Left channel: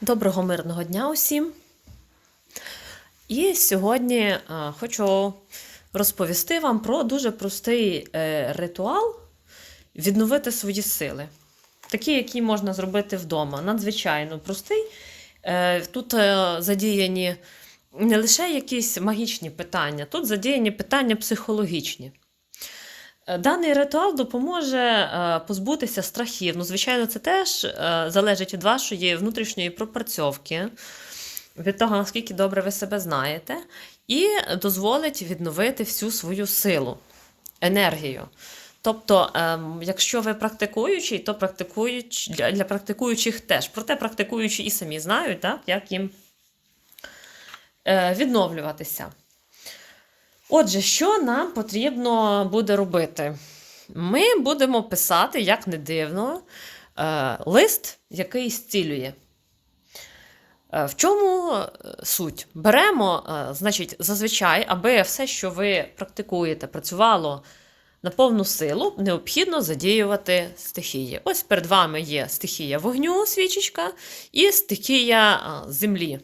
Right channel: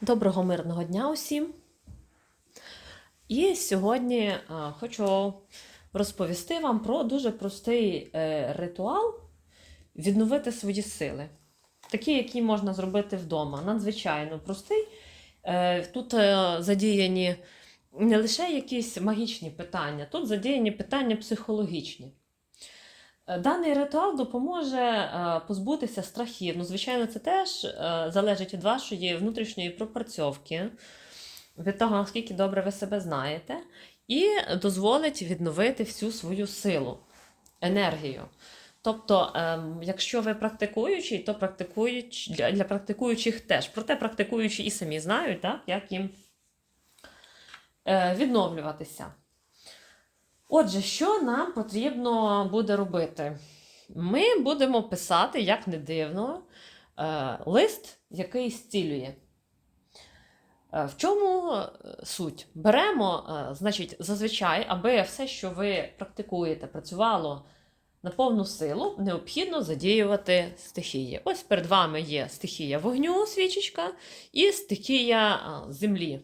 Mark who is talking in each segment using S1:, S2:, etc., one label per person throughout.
S1: Доброго мирного дня усім. І сьогодні е, хочу розповісти вам про дуже простий е, ритуал відновити свої сили. Такий, який можна зробити вдома. Надзвичайно простий. Е, Тут задіяні не лише якісь магічні питання, тут задіяні питання психологічні. Е, Даний ритуал допоможе е, позбутися страхів. Ну, звичайно, це теж е, залежить від вашої внутрішньої пропрацьовки, від того, наскільки добре ви себе знаєте, і дозволить відновити всю свою силу, енергію. Тобто, ем, якщо ви практикуючий, то практикуюч, для, практикуючих теж. Проте практикуючі і самі знають, так, як їм відновлюватися. Отже, що нам потрібно буде робити? Ми будемо писати, як не дивно, е, лист, який зцілює. Е, В чому е, суть? Беремо, значить, зазвичай, аби все, що ви практикуєте, працювало на повну силу, необхідно задіювати стихії. Ось перед вами є стихія вогню, свічечка, і стихія землі.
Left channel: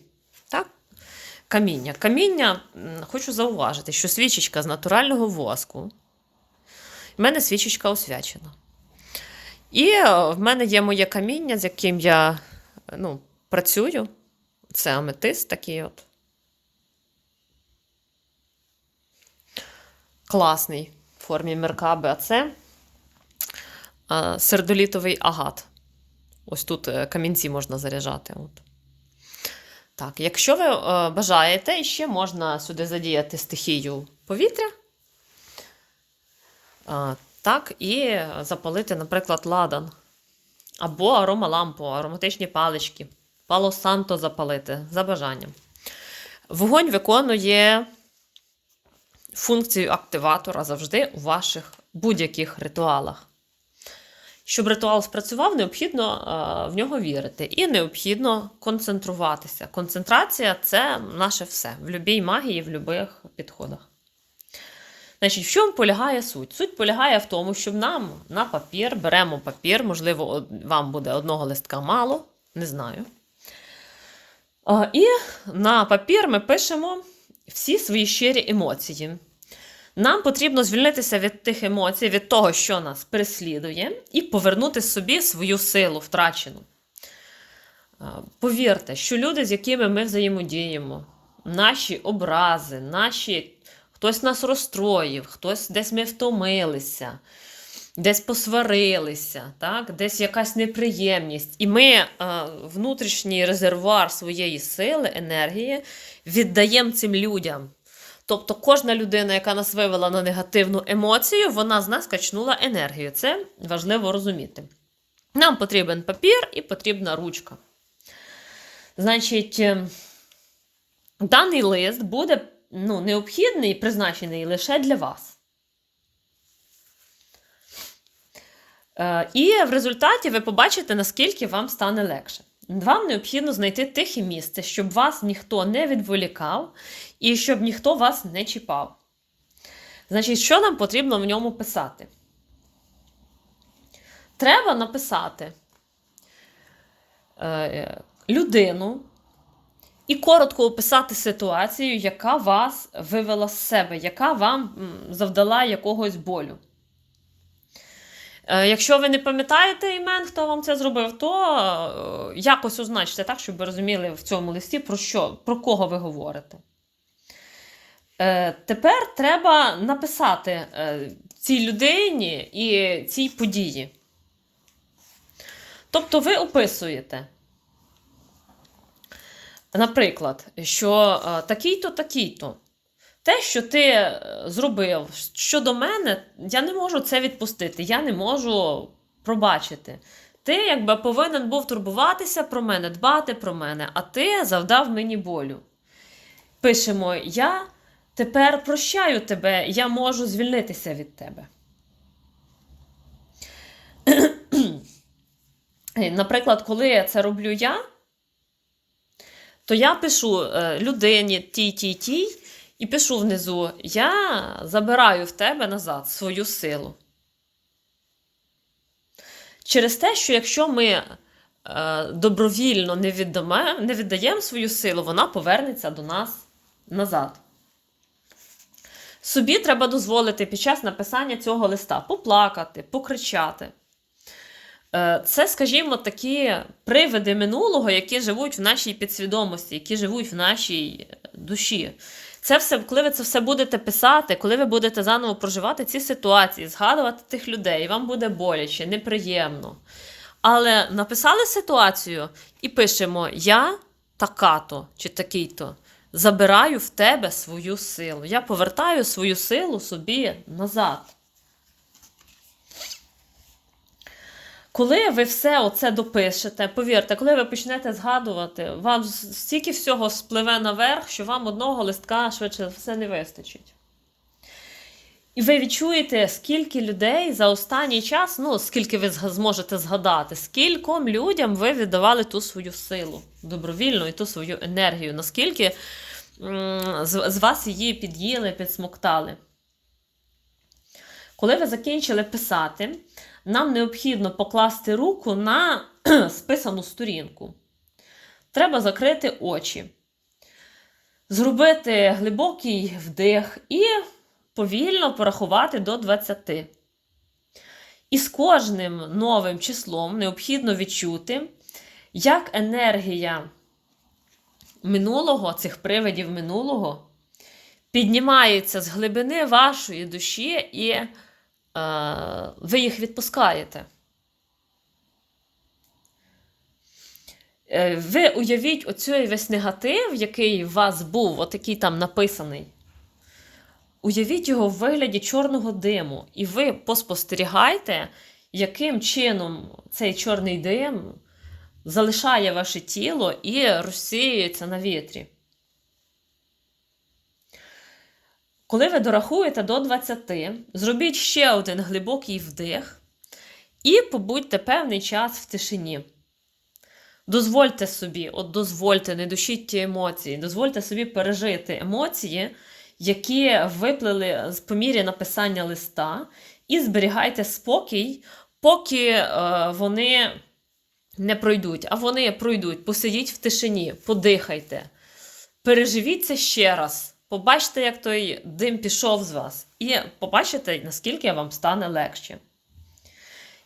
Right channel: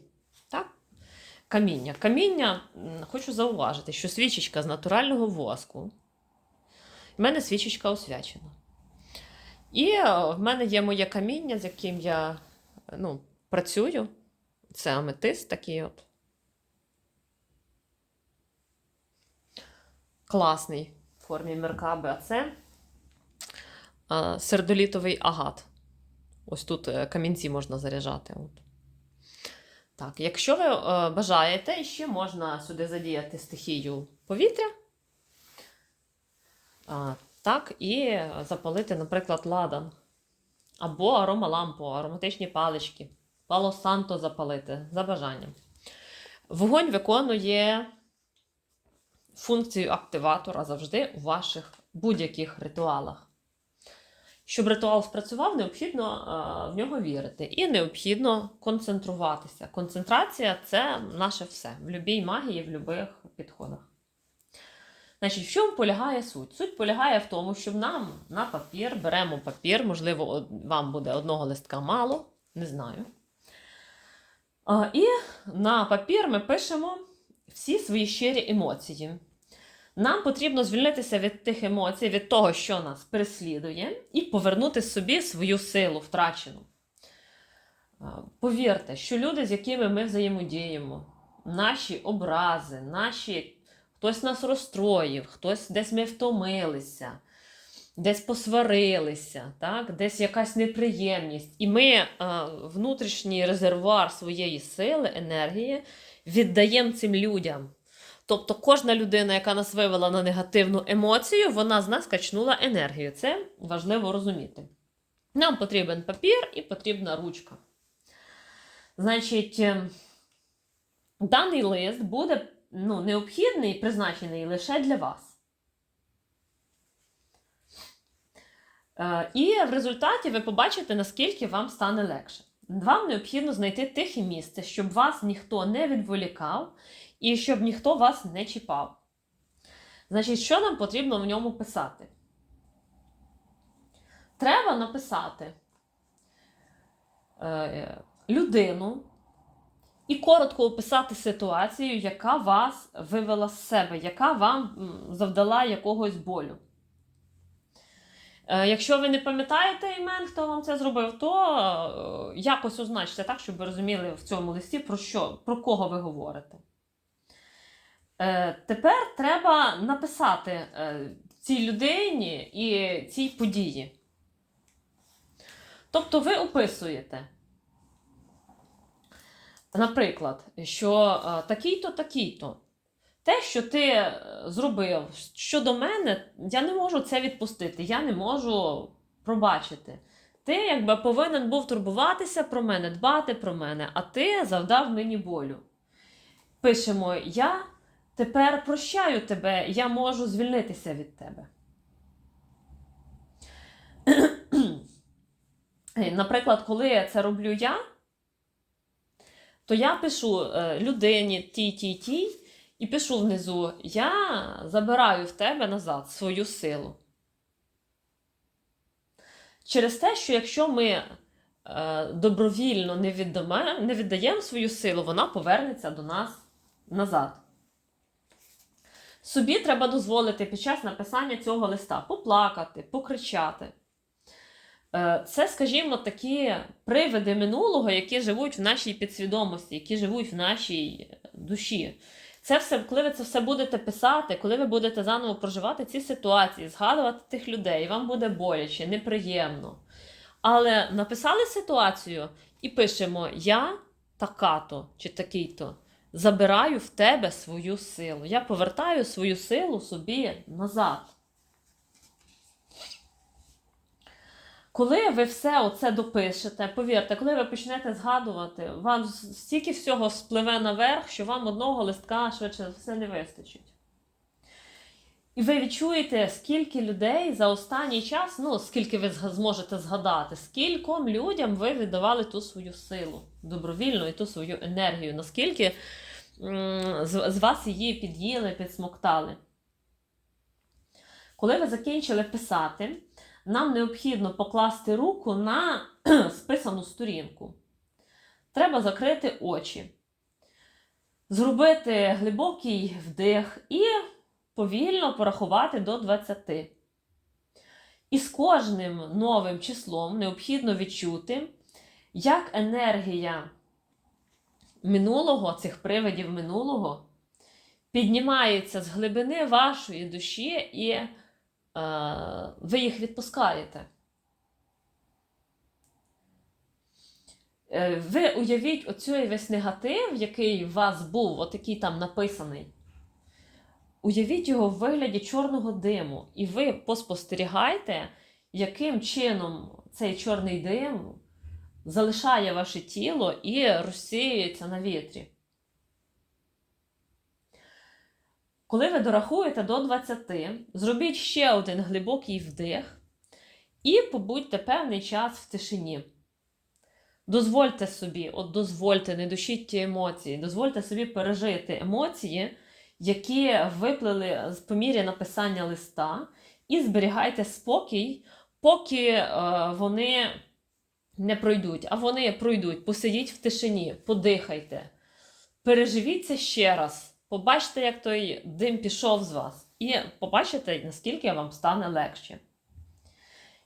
S1: Каміння. Каміння, хочу зауважити, що свічечка з натурального воску. В мене свічечка освячена. І е, в мене є моє каміння, з яким я ну, працюю. Це аметист такий от. Класний в формі меркаби. А це сердолітовий агат. Ось тут е, камінці можна заряджати. От. Так, якщо ви е, бажаєте, ще можна сюди задіяти стихію повітря. Е, так, і запалити, наприклад, ладан. Або аромалампу, ароматичні палички. Пало Санто запалити за бажанням. Вогонь виконує функцію активатора завжди у ваших будь-яких ритуалах. Щоб ритуал спрацював, необхідно е, в нього вірити. І необхідно концентруватися. Концентрація це наше все в будь-якій магії, в будь-яких підходах. Значить, в чому полягає суть? Суть полягає в тому, щоб нам на папір беремо папір, можливо, вам буде одного листка мало, не знаю. І на папір ми пишемо всі свої щирі емоції. Нам потрібно звільнитися від тих емоцій, від того, що нас переслідує, і повернути собі свою силу втрачену. Повірте, що люди, з якими ми взаємодіємо, наші образи, наші хтось нас розстроїв, хтось десь ми втомилися, десь посварилися, так? десь якась неприємність. І ми внутрішній резервуар своєї сили, енергії віддаємо цим людям. Тобто кожна людина, яка нас вивела на негативну емоцію, вона з нас качнула енергію. Це важливо розуміти. Нам потрібен папір і потрібна ручка. Значить, е, даний лист буде ну, необхідний, призначений лише для вас. Е, І в результаті ви побачите, наскільки вам стане легше. Вам необхідно знайти тихе місце, щоб вас ніхто не відволікав і щоб ніхто вас не чіпав. Значить, що нам потрібно в ньому писати? Треба написати е, людину і коротко описати ситуацію, яка вас вивела з себе, яка вам завдала якогось болю. Е, Якщо ви не пам'ятаєте імен, хто вам це зробив, то е, якось означте так, щоб ви розуміли в цьому листі, про що, про кого ви говорите. Е, Тепер треба написати е, цій людині і цій події. Тобто ви описуєте, наприклад, що е, такий-то, такий-то. Те, що ти зробив щодо мене, я не можу це відпустити, я не можу пробачити. Ти якби повинен був турбуватися про мене, дбати про мене, а ти завдав мені болю. Пишемо: Я тепер прощаю тебе, я можу звільнитися від тебе. Наприклад, коли я це роблю я, то я пишу е, людині тій, тій, тій, і пишу внизу: Я забираю в тебе назад свою силу. Через те, що якщо ми е, добровільно не віддаємо свою силу, вона повернеться до нас назад. Собі треба дозволити під час написання цього листа поплакати, покричати. Е, Це, скажімо, такі привиди минулого, які живуть в нашій підсвідомості, які живуть в нашій душі. Це все, коли ви це все будете писати, коли ви будете заново проживати ці ситуації, згадувати тих людей, вам буде боляче, неприємно. Але написали ситуацію і пишемо: Я така-то чи такий-то забираю в тебе свою силу. Я повертаю свою силу собі назад. Коли ви все оце допишете, повірте, коли ви почнете згадувати, вам стільки всього спливе наверх, що вам одного листка швидше все не вистачить. І ви відчуєте, скільки людей за останній час, ну, скільки ви зможете згадати, скільком людям ви віддавали ту свою силу добровільну і ту свою енергію, наскільки з, з вас її під'їли, підсмоктали. Коли ви закінчили писати, нам необхідно покласти руку на списану сторінку. Треба закрити очі, зробити глибокий вдих і повільно порахувати до 20. І з кожним новим числом необхідно відчути, як енергія минулого, цих привидів минулого, піднімається з глибини вашої душі і е, ви їх відпускаєте. Е, Ви уявіть оцей весь негатив, який у вас був, отакий там написаний. Уявіть його в вигляді чорного диму, і ви поспостерігайте, яким чином цей чорний дим залишає ваше тіло і розсіюється на вітрі. Коли ви дорахуєте до 20, зробіть ще один глибокий вдих і побудьте певний час в тишині. Дозвольте собі, от дозвольте, не душіть ті емоції, дозвольте собі пережити емоції, які виплили з- мірі написання листа, і зберігайте спокій, поки е, вони не пройдуть. А вони пройдуть, посидіть в тишині, подихайте, переживіть це ще раз. Побачите, як той дим пішов з вас, і побачите, наскільки вам стане легше.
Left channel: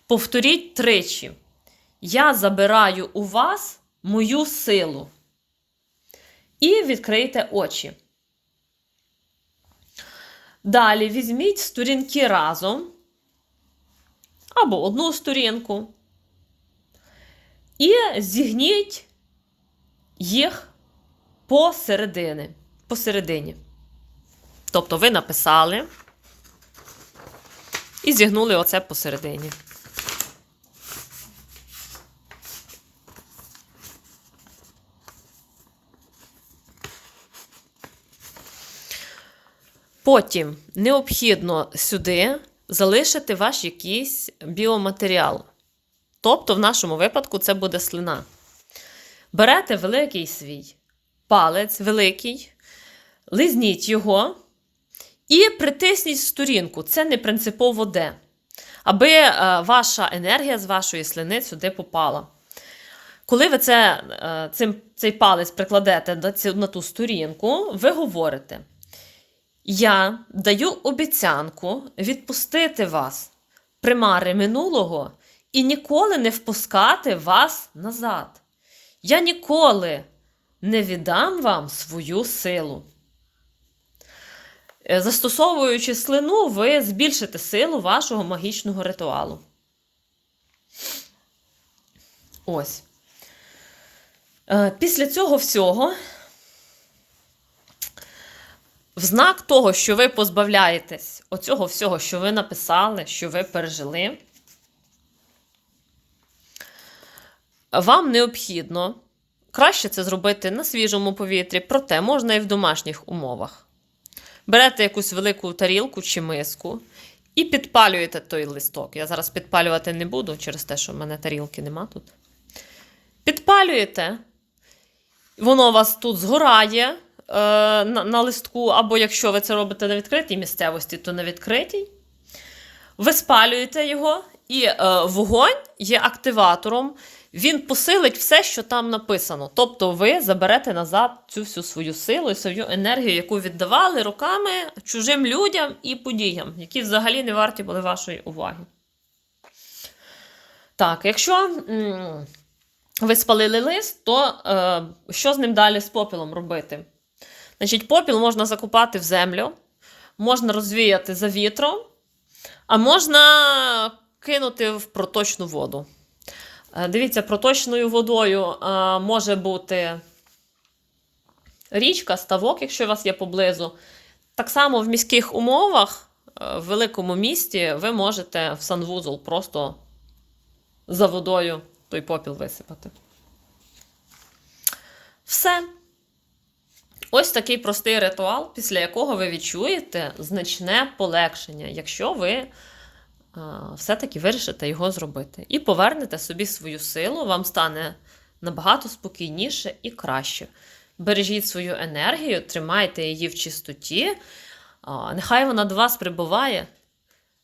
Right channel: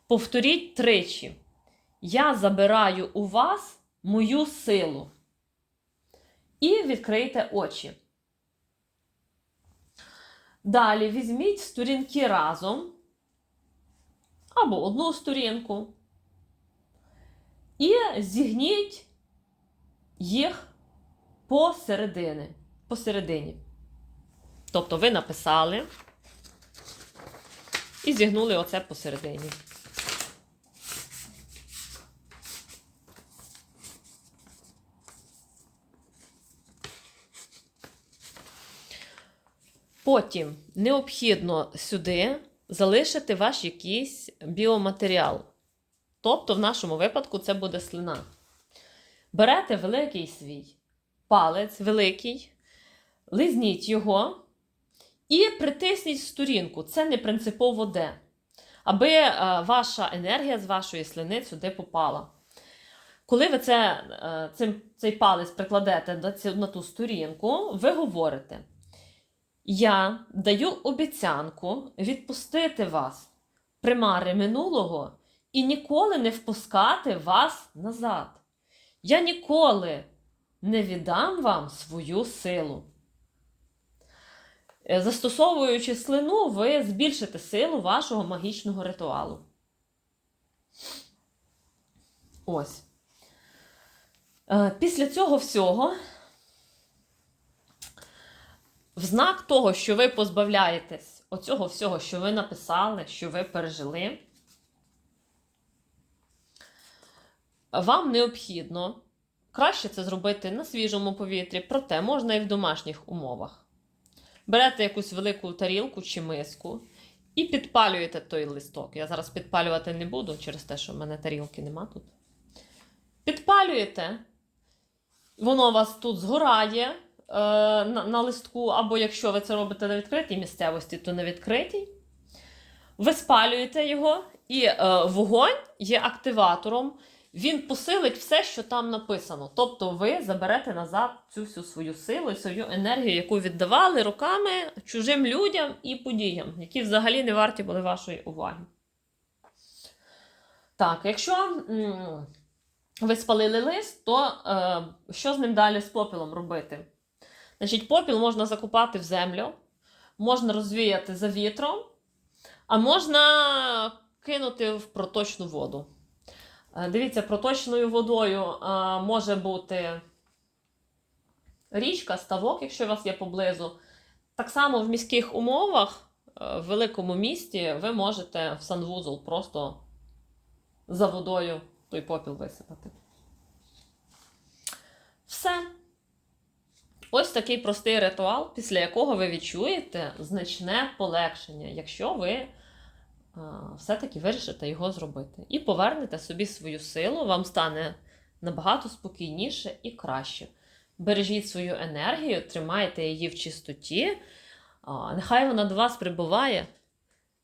S1: Повторіть тричі. Я забираю у вас мою силу. І відкрийте очі. Далі візьміть сторінки разом або одну сторінку. І зігніть їх посередини. посередині. Тобто ви написали і зігнули оце посередині. Потім необхідно сюди залишити ваш якийсь біоматеріал. Тобто, в нашому випадку, це буде слина. Берете великий свій палець, великий, лизніть його і притисніть сторінку. Це не принципово де. Аби е, ваша енергія з вашої слини сюди попала. Коли ви це, е, цим, цей палець прикладете на ту сторінку, ви говорите. Я даю обіцянку відпустити вас, примари минулого, і ніколи не впускати вас назад. Я ніколи не віддам вам свою силу. Е, Застосовуючи слину, ви збільшите силу вашого магічного ритуалу. Ось. Е, Після цього всього в знак того, що ви позбавляєтесь оцього всього, що ви написали, що ви пережили, вам необхідно краще це зробити на свіжому повітрі, проте можна і в домашніх умовах. Берете якусь велику тарілку чи миску і підпалюєте той листок. Я зараз підпалювати не буду через те, що в мене тарілки нема тут. Підпалюєте, воно у вас тут згорає е, на, на листку, або якщо ви це робите на відкритій місцевості, то на відкритій. Ви спалюєте його, і е, вогонь є активатором. Він посилить все, що там написано. Тобто ви заберете назад цю всю свою силу свою енергію, яку віддавали руками чужим людям і подіям, які взагалі не варті були вашої уваги. Так, якщо ви спалили лист, то е, що з ним далі з попілом робити? Значить, попіл можна закопати в землю, можна розвіяти за вітром, а можна кинути в проточну воду. Е, Дивіться, проточною водою е, може бути річка, ставок, якщо у вас є поблизу. Так само в міських умовах, е, в великому місті, ви можете в санвузол просто за водою той попіл висипати. Все. Ось такий простий ритуал, після якого ви відчуєте значне полегшення, якщо ви все-таки вирішите його зробити. І повернете собі свою силу, вам стане набагато спокійніше і краще. Бережіть свою енергію, тримайте її в чистоті. Нехай вона до вас прибуває.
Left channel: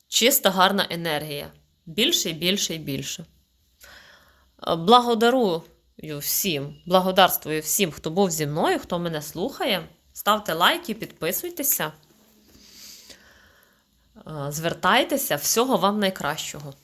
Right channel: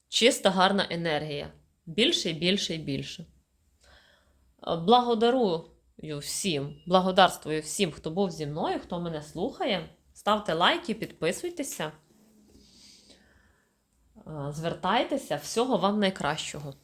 S1: Чиста, гарна енергія. Більше і більше і більше. Е, Благодарую всім, благодарствую всім, хто був зі мною, хто мене слухає. Ставте лайки, підписуйтеся. Е, Звертайтеся, всього вам найкращого.